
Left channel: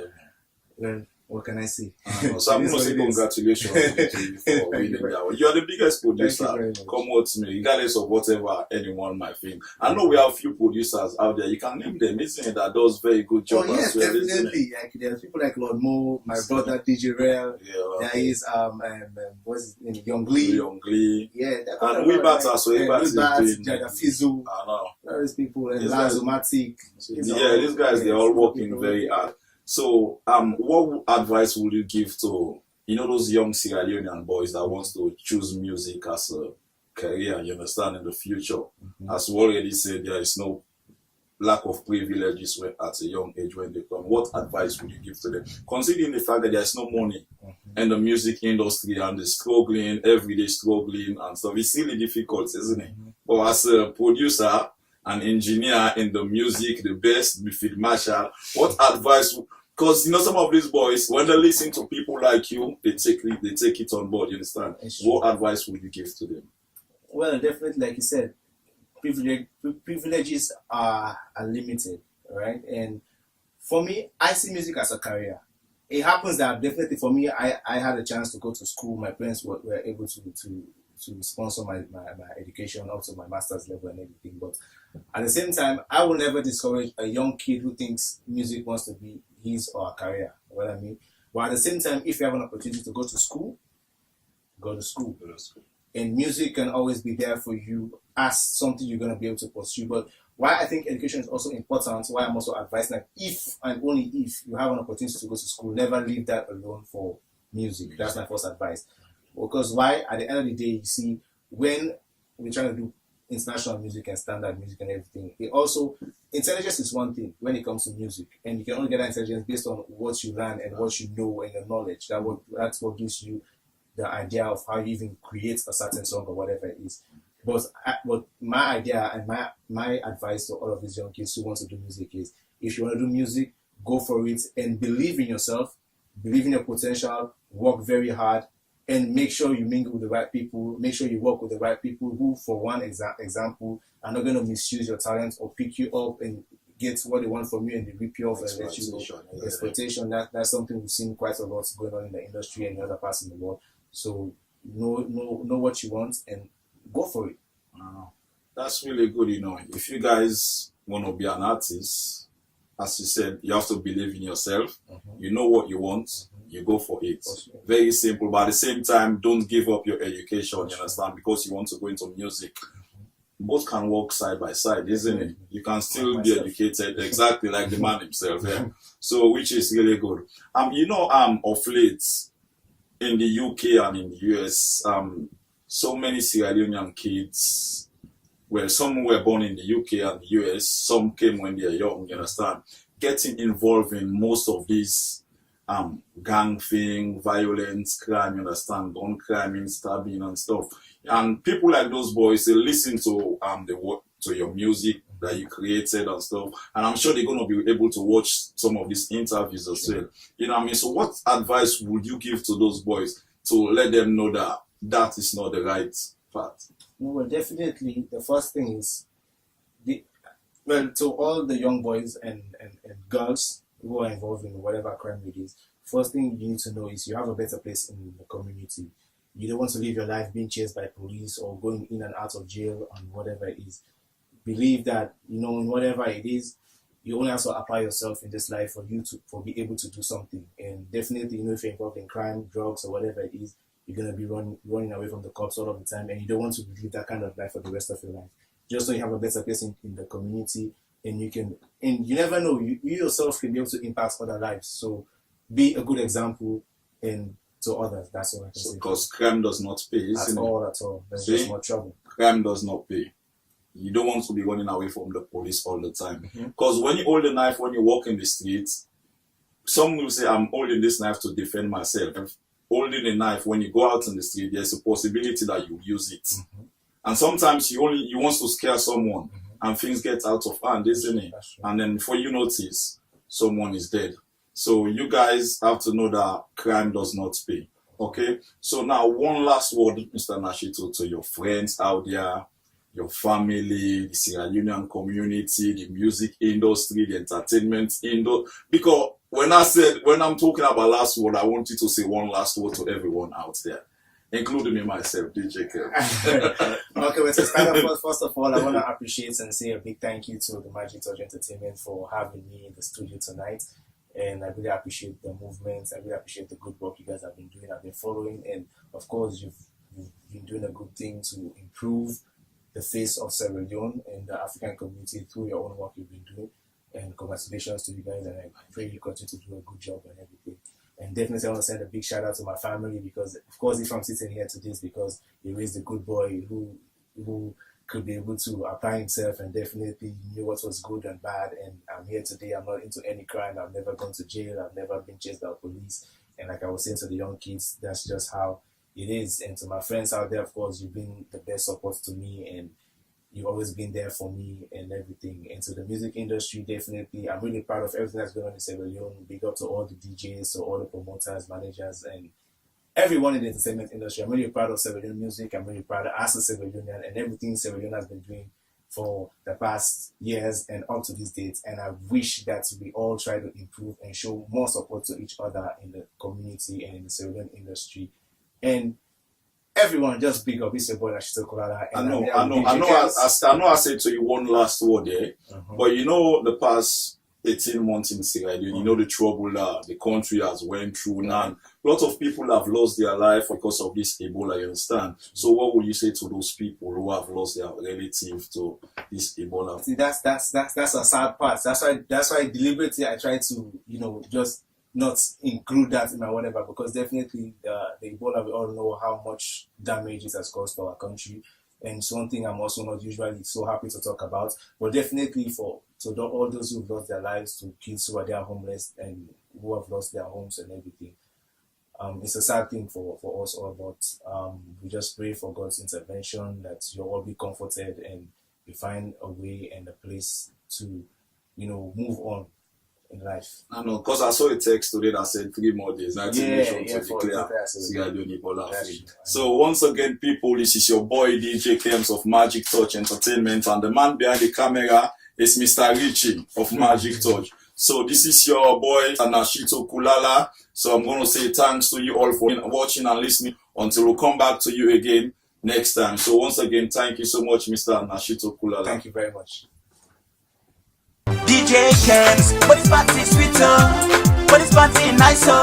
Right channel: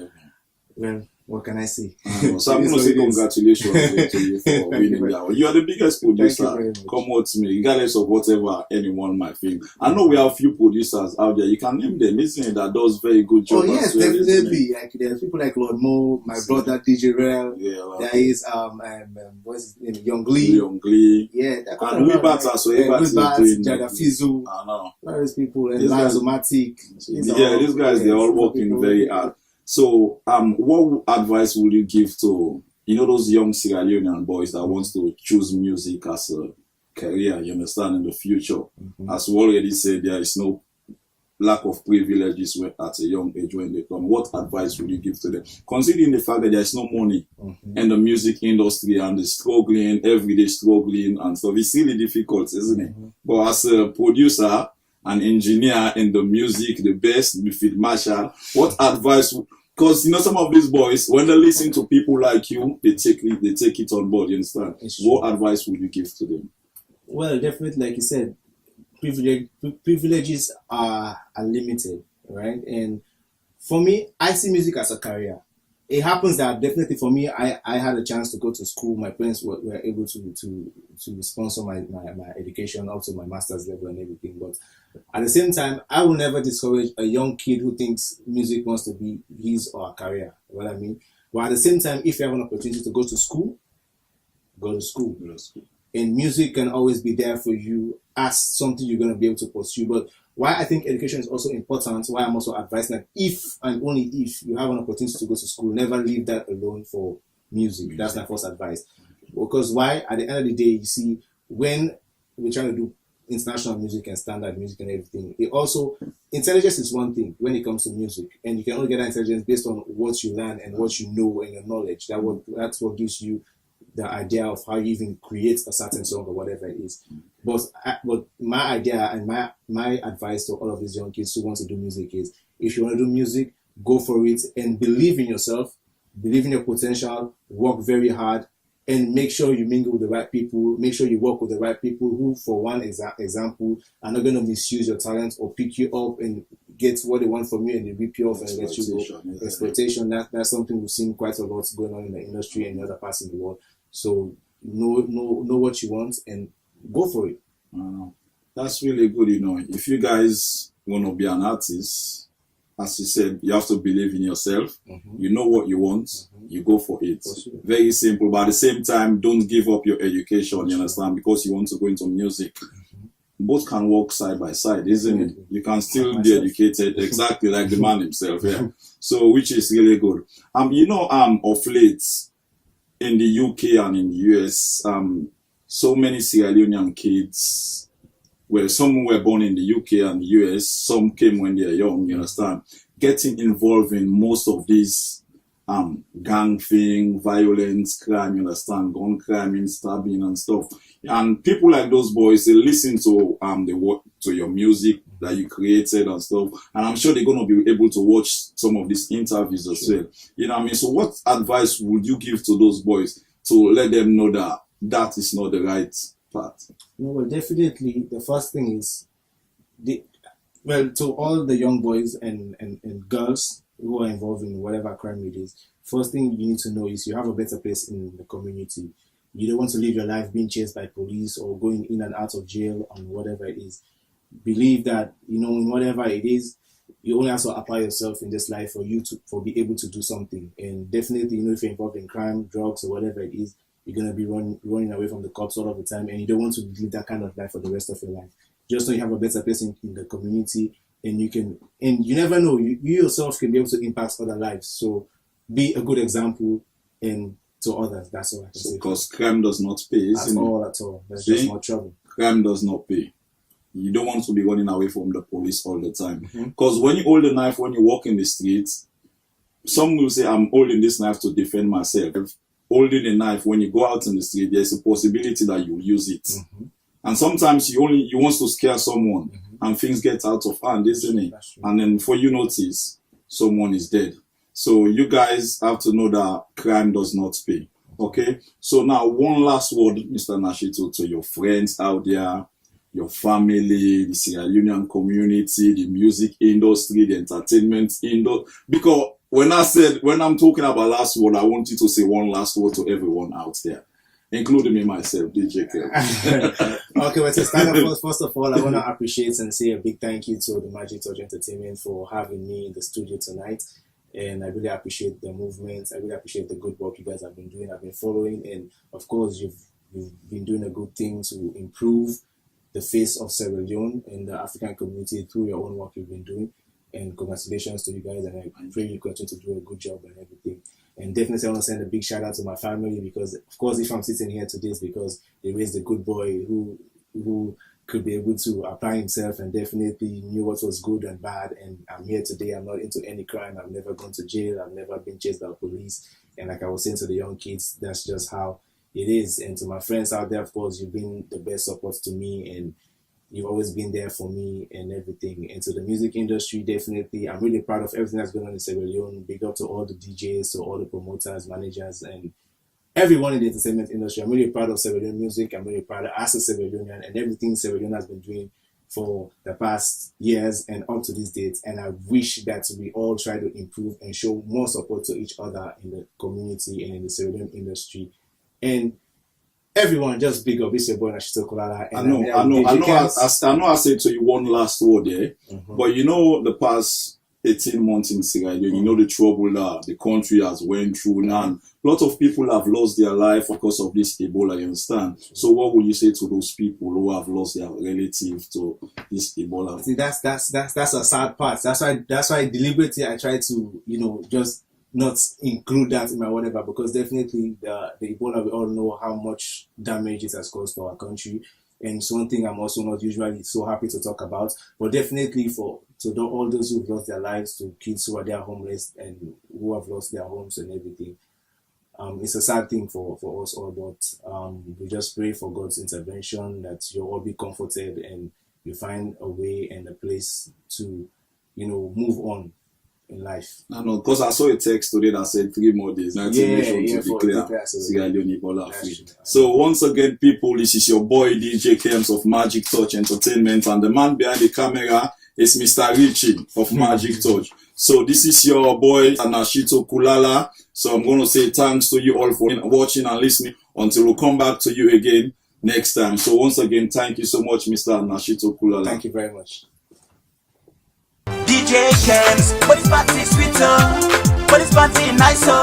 well, what can I say? So I'm going to say congratulations to you for winning that one. You are the biggest producer. Come out to me, regardless of whatever anyone might think. I know we have a few producers out there. You can name them, isn't it? That does very good job. Oh yes, definitely. Like, there's people like Lord Mo, my brother DJ Rel. Yeah, there is what's his name? Young Lee. Yeah, and we batter, so everybody is doing Jada Fizu. I know. Various people and Lazomatic. Yeah, these guys, they're all working very hard. So, what advice would you give to, those young Sierra Leonean boys that wants to choose music as a career, you understand, in the future? Mm-hmm. As we already said, there is no lack of privileges at a young age when they come. What advice would you give to them? Considering the fact that there's no money in the music industry and the struggling, everyday struggling and stuff, it's really difficult, isn't it? But as a producer, an engineer in the music, the best, the field marshal, what advice? Because some of these boys, when they listen to people like you, they take it on board. You understand? What advice would you give to them? Well, definitely, like you said, privileges are limited, right? And for me, I see music as a career. It happens that definitely for me, I had a chance to go to school. My parents were able to sponsor my education up to my master's level and everything. But at the same time, I will never discourage a young kid who thinks music wants to be his or her career. You know what I mean? But at the same time, if you have an opportunity to go to school, go to school. And music can always be there for you as something you're going to be able to pursue. But why I think education is also important, why I'm also advising that if and only if you have an opportunity to go to school, never leave that alone for music. That's my first advice. Because why? At the end of the day, you see, when we're trying to do international music and standard music and everything, intelligence is one thing when it comes to music. And you can only get that intelligence based on what you learn and what you know and your knowledge. That's what gives you the idea of how you even create a certain song or whatever it is. But my idea and my advice to all of these young kids who want to do music is, if you want to do music, go for it and believe in yourself, believe in your potential, work very hard, and make sure you mingle with the right people, make sure you work with the right people who, for one example, are not going to misuse your talent or pick you up and get what they want from you and they rip you off and let you go. Exploitation, that's something we've seen quite a lot going on in the industry and in other parts of the world. So know what you want and go for it. That's really good, If you guys want to be an artist, as you said, you have to believe in yourself. You know what you want, you go for it. Very simple, but at the same time, don't give up your education, you understand, because you want to go into music. Both can work side by side, isn't it? You can still be educated, exactly like the man himself. Yeah. So, which is really good. Of late, in the UK and in the US, so many Sierra Leonean kids, some were born in the UK and the US, some came when they were young, you understand, getting involved in most of these gang thing, violence, crime, you understand, gun crime, stabbing and stuff. And people like those boys, they listen to to your music that you created and stuff. And I'm sure they're going to be able to watch some of these interviews as well. You know what I mean? So what advice would you give to those boys to let them know that is not the right path? Well, definitely, the first thing is, to all the young boys and girls who are involved in whatever crime it is, first thing you need to know is you have a better place in the community. You don't want to live your life being chased by police or going in and out of jail and whatever it is. Believe that, in whatever it is, you only have to apply yourself in this life for be able to do something. And definitely, if you're involved in crime, drugs, or whatever it is, you're going to be running away from the cops all of the time, and you don't want to live that kind of life for the rest of your life. Just so you have a better place in the community, and you never know, you yourself can be able to impact other lives. So be a good example to others. That's all I can say. Because crime does not pay, isn't it? At all. There's just more trouble. Crime does not pay. You don't want to be running away from the police all the time. Because when you hold a knife, when you walk in the streets, some will say, I'm holding this knife to defend myself. Holding a knife, when you go out in the street, there's a possibility that you use it. And sometimes you want to scare someone, and things get out of hand, isn't it? And then before you notice, someone is dead. So you guys have to know that crime does not pay. Okay? So now, one last word, Mr. Nashito, to your friends out there, your family, the Sierra Leonean community, the music industry, the entertainment industry. Because when I'm talking about last word, I want you to say one last word to everyone out there, including me myself, DJ Kev. Okay, well, to start off, first of all, I want to appreciate and say a big thank you to the Magic Touch Entertainment for having me in the studio tonight. And I really appreciate the movements. I really appreciate the good work you guys have been doing. I've been following, and of course, you've been doing a good thing to improve the face of Sierra Leone and the African community through your own work you've been doing. And congratulations to you guys, and I pray you continue to do a good job and everything. And definitely I want to send a big shout out to my family, because of course if I'm sitting here today, it's because they raised a good boy who could be able to apply himself and definitely knew what was good and bad. And I'm here today. I'm not into any crime. I've never gone to jail. I've never been chased by police. And like I was saying to the young kids, that's just how it is. And to my friends out there, of course, you've been the best support to me, and you've always been there for me and everything. And to the music industry, definitely, I'm really proud of everything that's going on in Sierra Leone. Big up to all the DJs, to all the promoters, managers, and everyone in the entertainment industry. I'm really proud of Sierra Leone music. I'm really proud of as a Sierra Leonean and everything Sierra Leone has been doing for the past years and up to these dates. And I wish that we all try to improve and show more support to each other in the community and in the Sierra Leone industry. And everyone, just big up. It's your boy Nashito Kulala. I know. I said to you one last word there, but you know the past 18 months in Sierra Leone, you know the trouble that the country has went through now. And a lot of people have lost their life because of this Ebola. You understand? So what would you say to those people who have lost their relative to this Ebola? See, that's a sad part. That's why deliberately I try to just not include that in my whatever, because definitely the Ebola, we all know how much damage it has caused for our country, and it's one thing I'm also not usually so happy to talk about. But definitely all those who've lost their lives, to kids who are there homeless and who have lost their homes and everything, it's a sad thing for us all. But we just pray for God's intervention, that you'll all be comforted and you find a way and a place to move on in life. I know, because I saw a text today that said 3 more days, 19 nations to declare Sierra Leone Ebola free. So once again, people, this is your boy DJ Kems of Magic Touch Entertainment, and the man behind the camera is Mr. Richie of Magic Touch. So this is your boy Nashito Kulala. So I'm going to say thanks to you all for watching and listening until we come back to you again next time. So once again, thank you so much, Mr. Nashito Kulala. Thank you very much. DJ Kems, but it's party sweeter, but it's party nicer.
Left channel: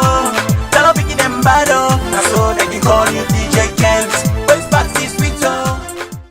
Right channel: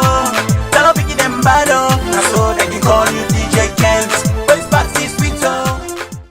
Tell her picky them bad up, so they can call you DJ Kems, but it's party sweeter.